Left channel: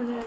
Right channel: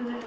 Yeah.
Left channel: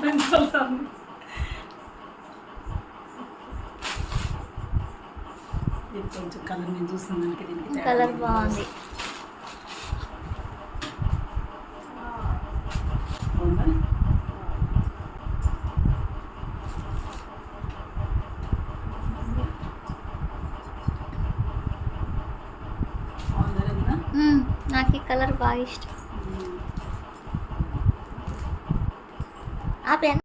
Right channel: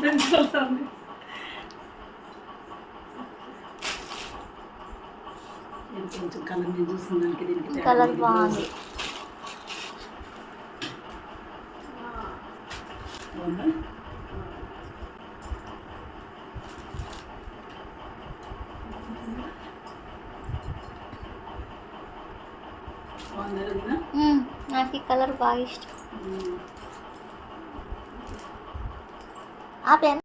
pentru să nu. Colour బాగా ఇష్టం Apen.